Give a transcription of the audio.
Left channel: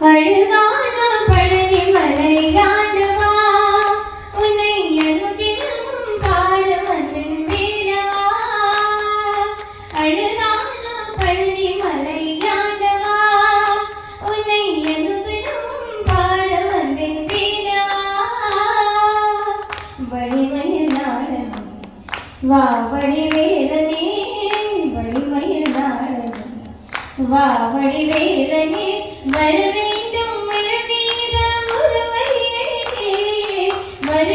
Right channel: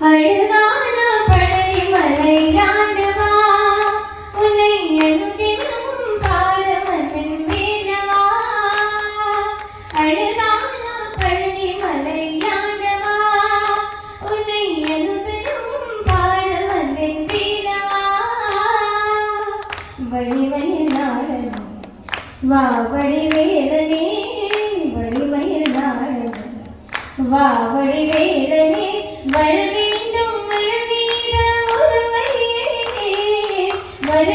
அழுதான பழனி மலையாண்டவா உன்னை அனுதினம் பாட வந்தன் வேலவா. அழுதான பழனி மலையாண்டவா உன்னை அனுதினம் பாட வந்தன் வேலவா. வழிமயிலாளனே வா வடிவேலனே, வழிமயிலாளனே வா வடிவேலனே, வர வேண்டும் மலர் மீத உருவையே வர